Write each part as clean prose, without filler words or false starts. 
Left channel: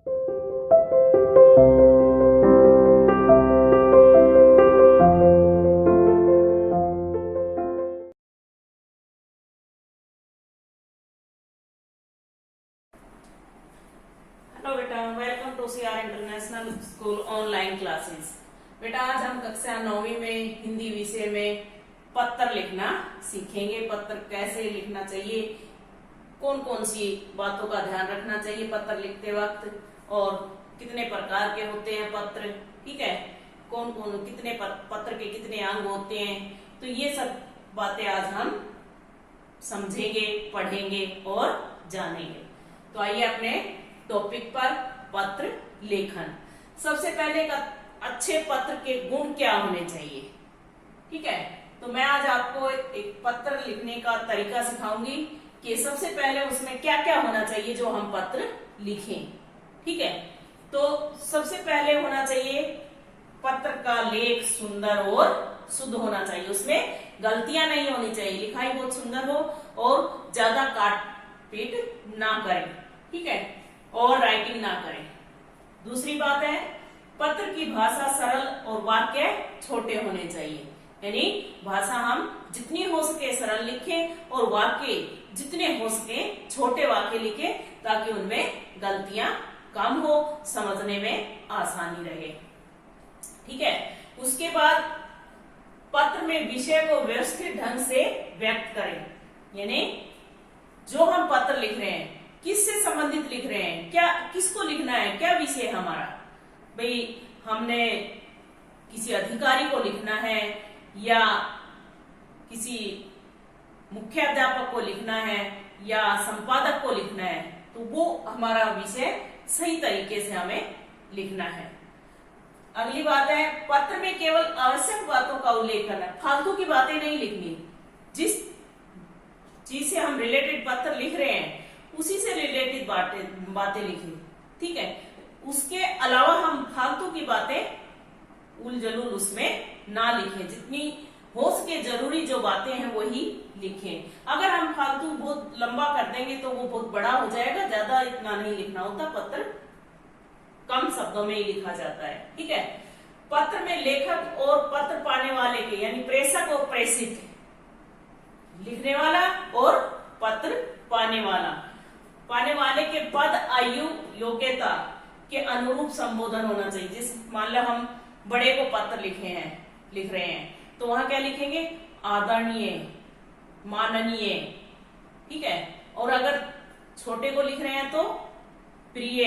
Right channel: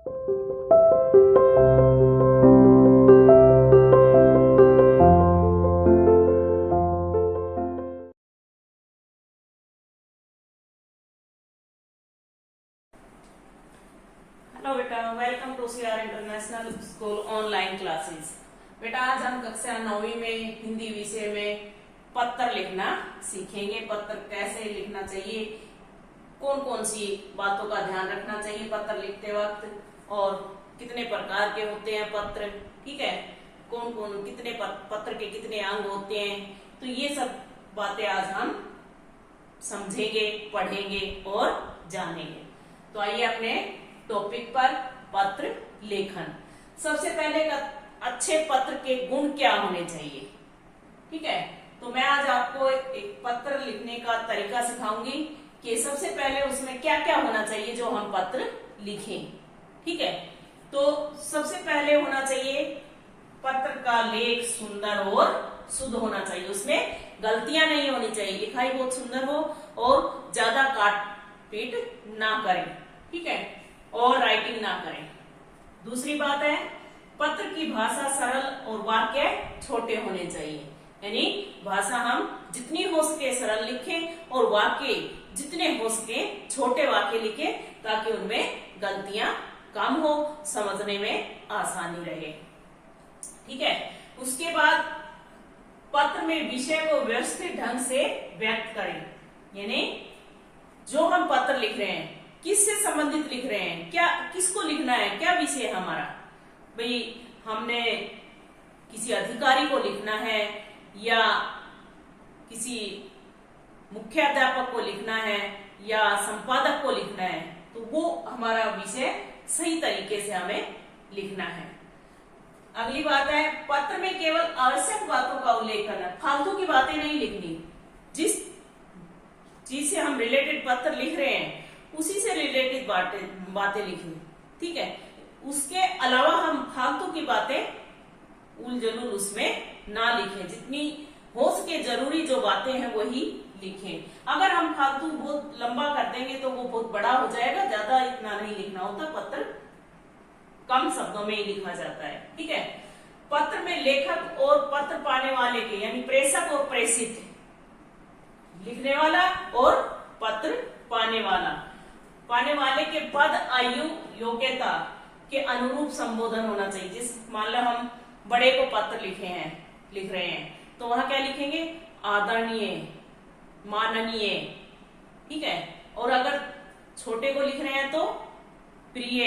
Hello बेटा, welcome to CR international school online classes. बेटा, आज हम कक्षा 9वीं में हिंदी विषय में पत्र लिखना सीखेंगे। पत्र कैसे लिखना चाहिए, कौन कौन सी बातों का ध्यान रखना चाहिए पत्र लिखते वक्त, और कितने प्रकार के होते हैं पत्र, ठीक है, कौन कौन कितने पत्र के कितने अंग होते हैं, तो ये सब बातें आज हम समझेंगे, पढ़ेंगे और जानेंगे। तो आइए अपने टॉपिक पर, पत्र लेखन। सबसे पहले अच्छे पत्र के गुण क्या होने चाहिए, ठीक है। तो मैं आज आपको एक पत्र लिखने का तरीका सिखाऊंगी कि सबसे पहले उसमें क्या क्या होना चाहिए जो हम पत्र लिखें, ठीक है। तो सबसे पहले होना चाहिए पत्र का लेख सुंदर और शुद्ध होना चाहिए, उसमें गलतियां नहीं होनी चाहिए, लिखाई बहुत सुंदर हो और ज्यादा काट पीट ना करें, ठीक है, और राइटिंग ना करें। दूसरी बात है, पत्र की भाषा सरल और वाक्य छोटे होने चाहिए, यानी भाषा हम जितनी हो सके सरल लिखें और वाक्य जितने हो सके छोटे वाक्य लिखें, ताकि उनमें गलतियां कम हो, समझने में आसानी रहे, ठीक है। उसके बाद पत्र में विषय को व्यवस्थित ढंग से व्यक्त करें, यानी जो हम पत्र लिख रहे हैं किससे संबंधित लिख रहे हैं, क्या किसको लिखना है, क्या विषय है हमारा। भाई हमने किसी अधिकारी को लिखना है या किसी मुख्याध्यापक को लिखना है या संपादक को लिखना है, तो वो हमारा विषय सही तरीके से हमें लिखना है। अगली बात है, पत्र में केवल आवश्यक बातों का उल्लेख करना, फालतू की बातें नहीं लिखनी। जिस चीज से हम रिलेटेड पत्र लिख रहे हैं उसी से रिलेटेड बातें लिखें, ठीक है। उसके अलावा हम फालतू की बातें उल जलूल उसमें ना लिखें, जितनी हो सके जरूरी जो बातें हैं वही लिखें। अगर हम फालतू बहुत लंबा कर देंगे तो वो बहुत बड़ा हो जाएगा, ज्यादा इतना नहीं लिखना होता, पत्र कम शब्दों में ही लिखा जाता है, ठीक है। पत्र में लेखक और पत्र पाने वाले के, यानी प्रेषक और प्रेषित, लिखने वाला और पत्र पाने वाले के पद, आयु, योग्यता के अनुरूप संबोधन होना चाहिए। जिस मान लो हम बड़े को पत्र लिख रहे हैं तो वहां क्या लिखेंगे, आदरणीय, माननीय, ठीक है। और अगर छोटे को लिख रहे हैं तो प्रिय,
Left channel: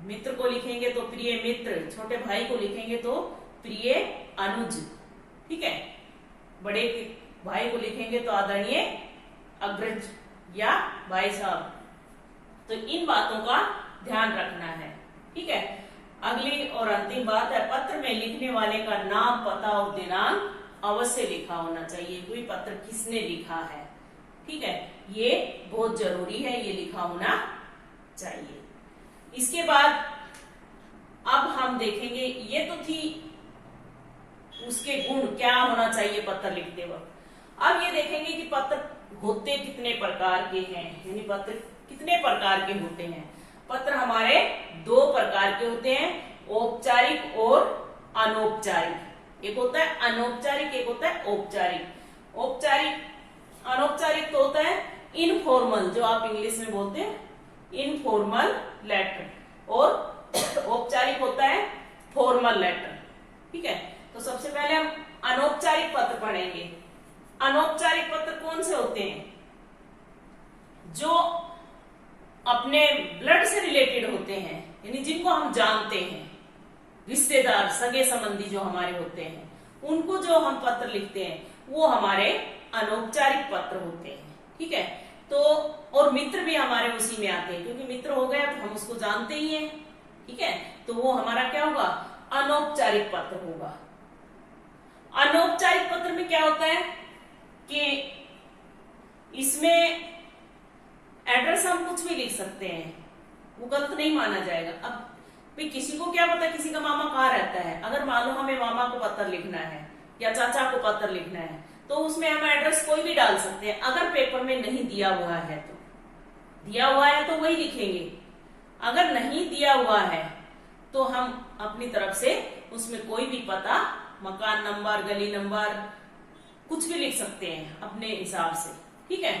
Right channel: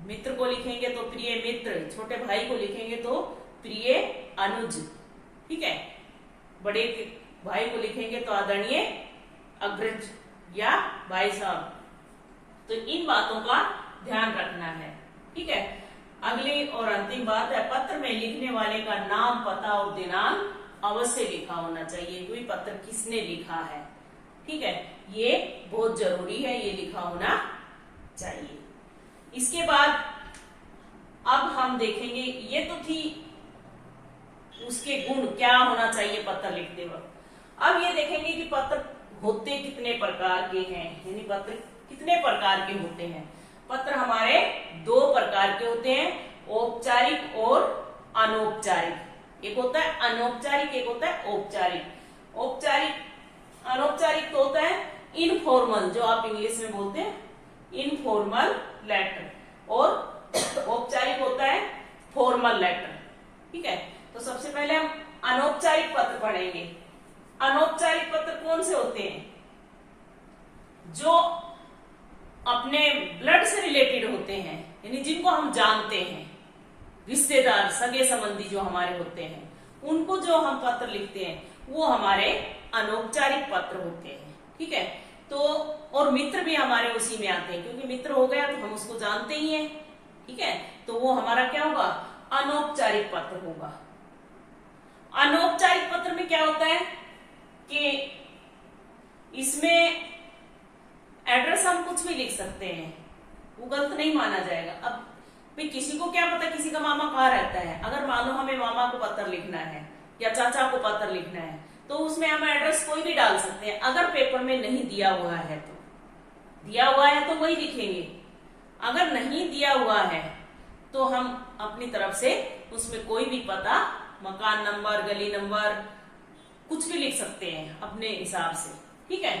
मित्र को लिखेंगे तो प्रिय मित्र, छोटे भाई को लिखेंगे तो प्रिय अनुज, ठीक है। बड़े के भाई को लिखेंगे तो आदरणीय अग्रज या भाई साहब। तो इन बातों का ध्यान रखना है, ठीक है। अगली और अंतिम बात है, पत्र में लिखने वाले का नाम, पता और दिनांक अवश्य लिखा होना चाहिए, कोई पत्र किसने लिखा है, ठीक है, ये बहुत जरूरी है, ये लिखा होना चाहिए। इसके बाद अब हम देखेंगे, ये तो थी उसके गुण, क्या होना चाहिए पत्र लिखते वक्त। अब ये देखेंगे कि पत्र होते कितने प्रकार के हैं, यानी पत्र कितने प्रकार के होते हैं। पत्र हमारे दो प्रकार के होते हैं, औपचारिक और अनौपचारिक। एक होता है अनौपचारिक, एक होता है औपचारिक। अनौपचारिक तो होता है इनफॉर्मल, जो आप इंग्लिश में बोलते हैं इनफॉर्मल लेटर, और औपचारिक होता है फॉर्मल लेटर, ठीक है। तो सबसे पहले हम अनौपचारिक पत्र पढ़ेंगे। अनौपचारिक पत्र कौन से होते हैं, जो अपने ब्लड से रिलेटेड होते हैं, यानी जिनको हम जानते हैं, रिश्तेदार, सगे संबंधी जो हमारे होते हैं, उनको जो हम पत्र लिखते हैं वो हमारे अनौपचारिक पत्र होते हैं, ठीक है। तो और मित्र भी हमारे उसी में आते हैं, क्योंकि मित्र हो गया तो हम उसको जानते ही हैं, ठीक है। तो वो हमारा क्या होगा, अनौपचारिक पत्र होगा। अनौपचारिक पत्र में क्या होता है कि इसमें एड्रेस हम कुछ भी लिख सकते हैं, वो गलत नहीं माना जाएगा। अब भाई किसी को क्या पता किसी का मामा कहाँ रहता है, अगर मान लो हमें मामा को पत्र लिखना है या चाचा को पत्र लिखना है तो उसमें हम एड्रेस कोई भी डाल सकते हैं। अगर पेपर में नहीं दिया हुआ है तो, दिया हुआ है तो वही लिखेंगे, अगर नहीं दिया हुआ है तो हम अपनी तरफ से उसमें कोई भी पता, मकान नंबर, गली नंबर, कुछ भी लिख सकते हैं अपने हिसाब से, ठीक है।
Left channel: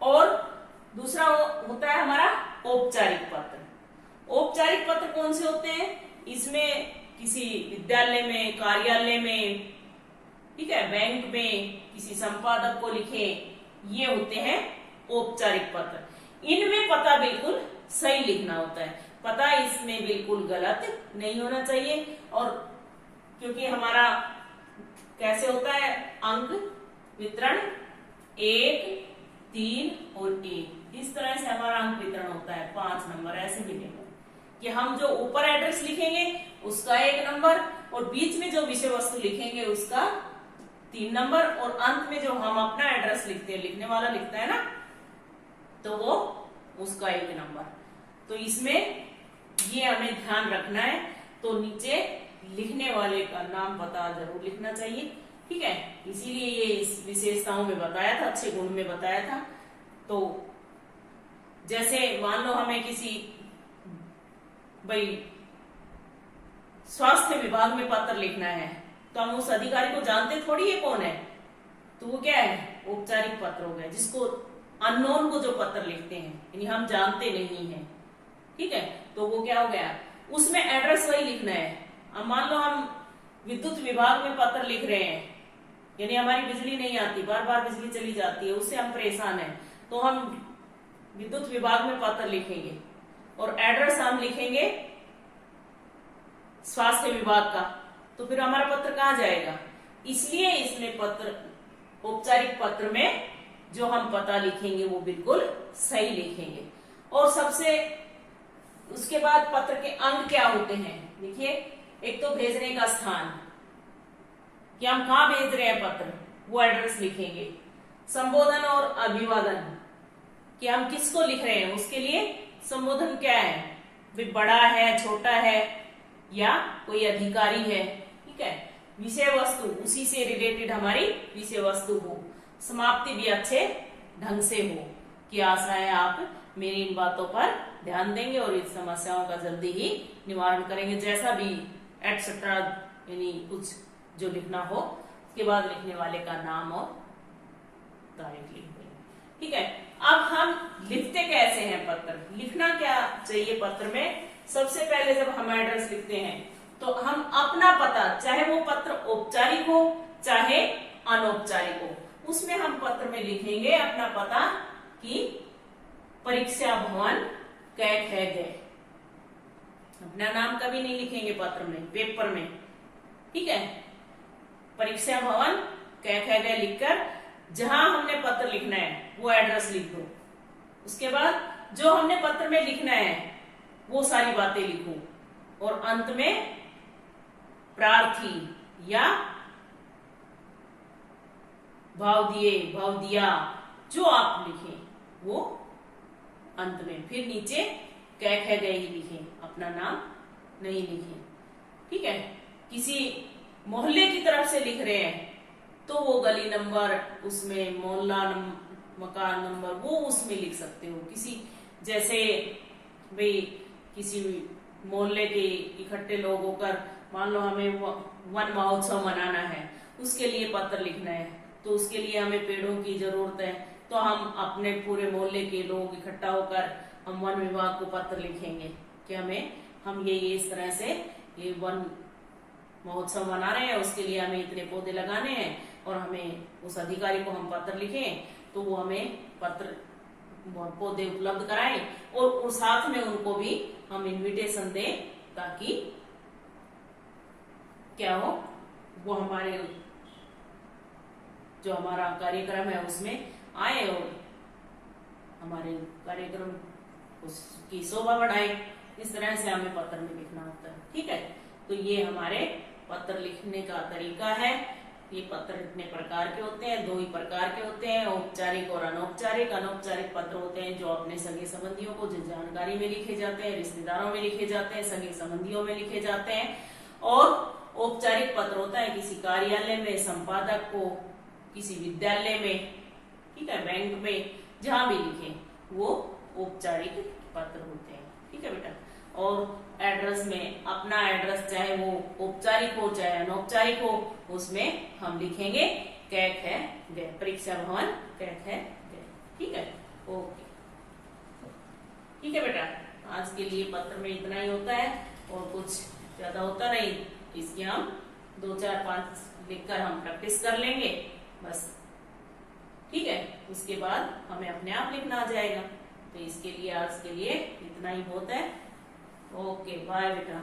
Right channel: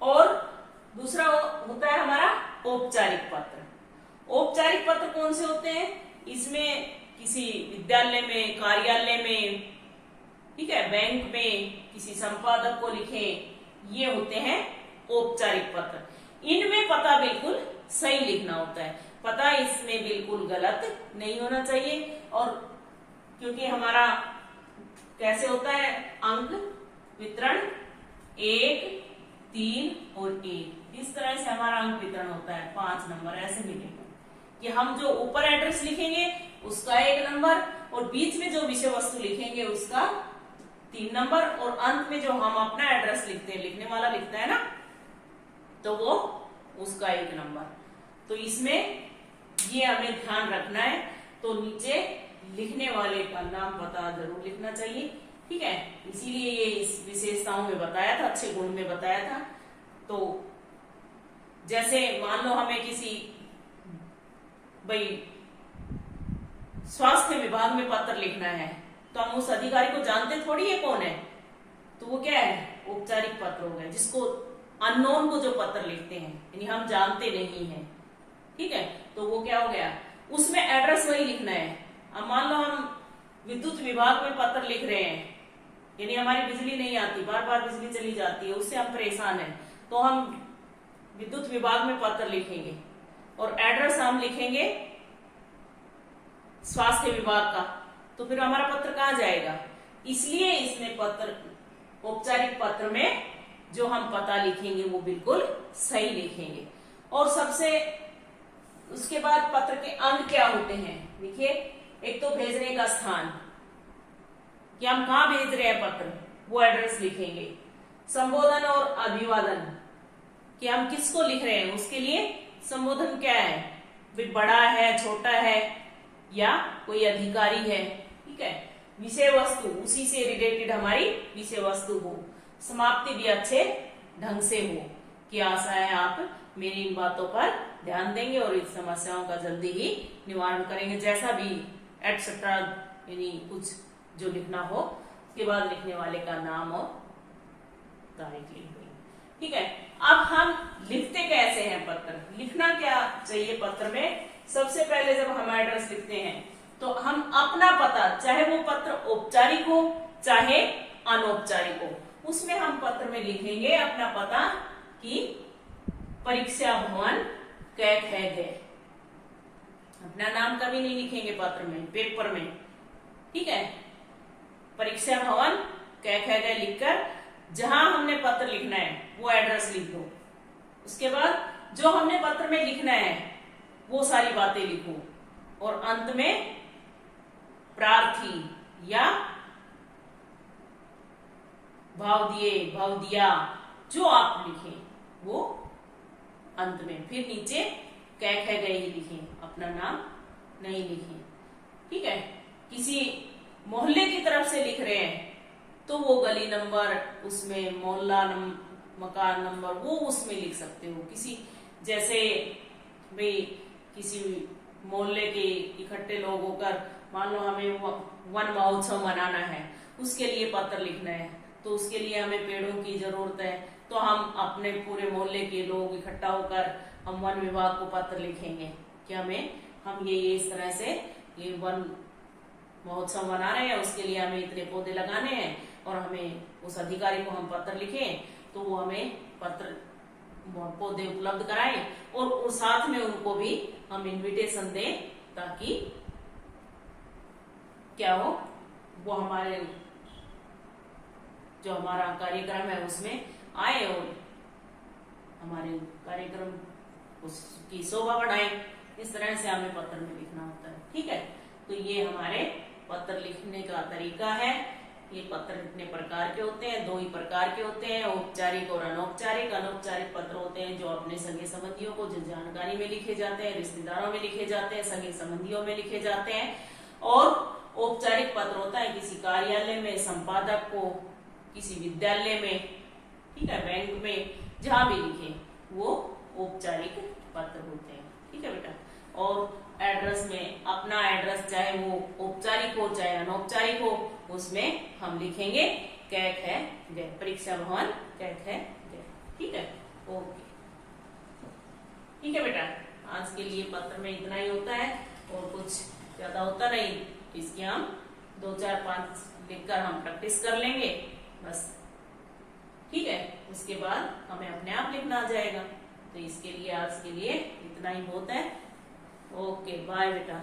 और दूसरा होता है हमारा औपचारिक पत्र। औपचारिक पत्र कौन से होते हैं? इसमें किसी विद्यालय में, कार्यालय में, ठीक है, बैंक में किसी संपादक को लिखे, ये होते हैं औपचारिक पत्र। इनमें पता बिल्कुल सही लिखना होता है, पता इसमें बिल्कुल गलत नहीं होना चाहिए। और क्योंकि हमारा कैसे होता है अंक वितरण 1, 3 और 1, इस तरह से हमारा अंक वितरण होता है। 5 नंबर ऐसे मिलेंगे कि हम जो ऊपर एड्रेस लिखेंगे उसका 1 नंबर, और बीच में जो विषय वस्तु लिखेंगे उसका 3 नंबर, और अंत में जो हम अपना एड्रेस लिखते हैं, लिखने वाला लिखता है ना, तो वो उसका 1 नंबर। तो इसमें ये हमें ध्यान रखना है। तो नीचे लिखने वाले का नाम पता जरूर लिखना चाहिए, ठीक है। इसीलिए ये इस विशेषताओं में बताया था, अच्छे गुण में बताया था। तो जैसे मान लो हमें किसी भाई स्वास्थ्य विभाग में पत्र लिखना है, तो हम उस अधिकारी को जानते थोड़ी है कौन है, तो वो क्या है, औपचारिक पत्र हो गए। जिसको अननोन को जो पत्र लिखते हैं, यानी हम जानते नहीं है, ठीक है, तो वो क्या हो गया, उसमें एड्रेस वही लिखना है। अब मान लो हम विद्युत विभाग में पत्र लिख रहे हैं, यानी हमारी बिजली नहीं आती, बार बार बिजली चली जाती है, उससे हम परेशान हैं, तो हम विद्युत विभाग में पत्र लिखेंगे और एड्रेस हम लिखेंगे स्वास्थ्य विभाग का, तो फिर हमारा पत्र कहाँ जाएगा। इसलिए इसमें पत्र, औपचारिक पत्र में जो हम पता लिखेंगे वो बिल्कुल सही लिखेंगे। और सबसे उसके बाद पत्र के अंग क्या होते हैं, देखिए, एक तो भेजने का स्थान, कि हम कहाँ भेज रहे हैं पत्र, वो एड्रेस लिखेंगे। संबोधन और अभिवादन, कि हम किसको लिख रहे हैं, उसके लिए संबोधन क्या है, भी बड़ा है, छोटा है, या कोई अधिकारी है, ठीक है। विषय वस्तु, उसी से रिलेटेड हमारी विषय वस्तु हो। समाप्ति भी अच्छे ढंग से हो, कि आशा है आप मेरी इन बातों पर ध्यान देंगे और इस समस्याओं का जल्दी ही निवारण करेंगे, जैसा भी एटसेट्रा, यानी कुछ जो लिखना हो, उसके बाद लिखने वाले का नाम और तारीख लिख देंगे, ठीक है। अब हम लिखते कैसे हैं पत्र, लिखना क्या चाहिए पत्र में। सबसे पहले जब हम एड्रेस लिखते हैं तो हम अपना पता, चाहे वो पत्र औपचारिक हो चाहे अनौपचारिक हो, उसमें हम पत्र में लिखेंगे अपना पता कि परीक्षा भवन कैक है गए। अपना नाम कभी नहीं लिखेंगे पत्र में, पेपर में, ठीक है। परीक्षा भवन कैक है गए लिखकर जहां हमने पत्र लिखना है वो एड्रेस लिख दो। उसके बाद जो हमने पत्र में लिखना है वो सारी बातें लिखो, और अंत में प्रार्थी या भाव दिए, भाव दिया, जो आप लिखें वो अंत में। फिर नीचे कैक है गए ही लिखें, अपना नाम नहीं लिखें, ठीक है। किसी मोहल्ले की तरफ से लिख रहे हैं तो वो गली नंबर, उसमें मोहल्ला मकान नंबर, वो उसमें लिख सकते हो। किसी जैसे भाई किसी मोहल्ले के इकट्ठे लोग होकर, मान लो हमें वन महोत्सव मनाना है, उसके लिए पत्र लिखना है, तो उसके लिए हमें पेड़ों की जरूरत है, तो हम अपने पूरे मोहल्ले के लोग इकट्ठा होकर हम वन विभाग को पत्र लिखेंगे कि हम ये इस तरह से ये वन महोत्सव मना रहे हैं, उसके लिए हमें इतने पौधे लगाने हैं, और हमें उस अधिकारी को हम पत्र लिखें तो वो हमें पत्र पौधे उपलब्ध कराएं, और साथ में उनको भी हम इनविटेशन दें, ताकि क्या हो, वो हमारे जो हमारा कार्यक्रम है उसमें आए और हमारे कार्यक्रम उसकी शोभा बढ़ाए। इस तरह से हमें पत्र में लिखना होता है, ठीक है। तो ये हमारे पत्र लिखने का तरीका है। ये पत्र इतने प्रकार के होते हैं, 2 ही प्रकार के होते हैं, औपचारिक और अनौपचारिक। अनौपचारिक पत्र होते हैं जो अपने सगे संबंधियों को, जो जानकारी में लिखे जाते हैं, रिश्तेदारों में लिखे जाते हैं, सगे संबंधियों में लिखे जाते हैं। और औपचारिक पत्र होता है किसी कार्यालय में, संपादक को, किसी विद्यालय में, ठीक है, बैंक में, जहां भी लिखे वो औपचारिक पत्र होते हैं। ठीक है बेटा। और एड्रेस में अपना एड्रेस चाहे वो औपचारिक हो चाहे अनौपचारिक हो, उसमें हम लिखेंगे कैक है गए, परीक्षा भवन कैक है गए। ठीक है, ओके। ठीक है बेटा, आज के लिए पत्र में इतना ही होता है और कुछ ज्यादा होता नहीं। इसकी हम 2 4 5 लिखकर हम प्रैक्टिस कर लेंगे बस। ठीक है, उसके बाद हमें अपने आप लिखना आ जाएगा। तो इसके लिए आज के लिए इतना ही बहुत है। ओके, बाय बेटा।